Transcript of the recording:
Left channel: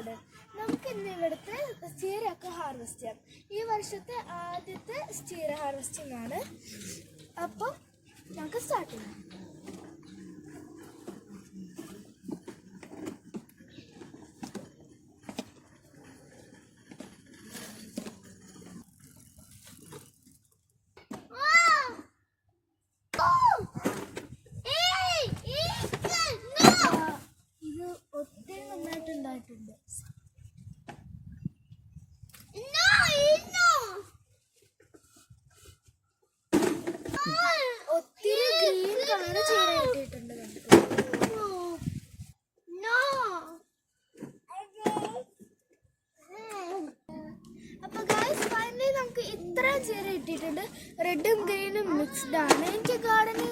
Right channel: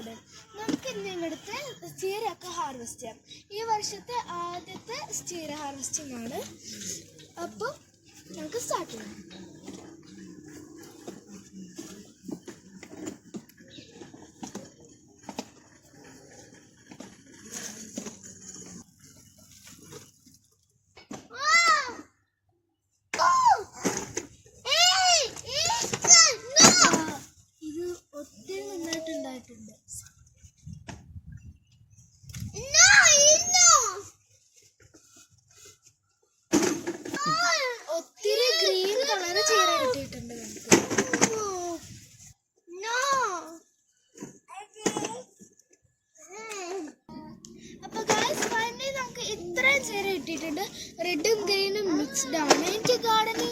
Garden. നമുക്ക് ഇന്നിവിടുത്തെ ചീരയൊക്കെ harvest ചെയ്യാം. ഈ വർഷത്തെ ആദ്യത്തെ ചീര ഹാർവെസ്റ്റിംഗ് ആണ്. അപ്പം നമുക്ക് സ്റ്റാർട്ട് ചെയ്യാം. ഇത് ഒത്തിരി നന്നായിട്ടുണ്ടായിട്ടുണ്ട്. ഒത്തിരി ഗ്രീൻ കളറ് ചീര കിട്ടിയിട്ടുണ്ട് നമുക്ക്. അപ്പൊ ഗൈസ് ഫൈനലി നമുക്ക് ഇത്രയും ചീര കിട്ടിയിട്ടുണ്ട്. റെഡും ഗ്രീനും മിക്സ്ഡ് ആണ്. എനിക്ക് ഗാർഡനിങ്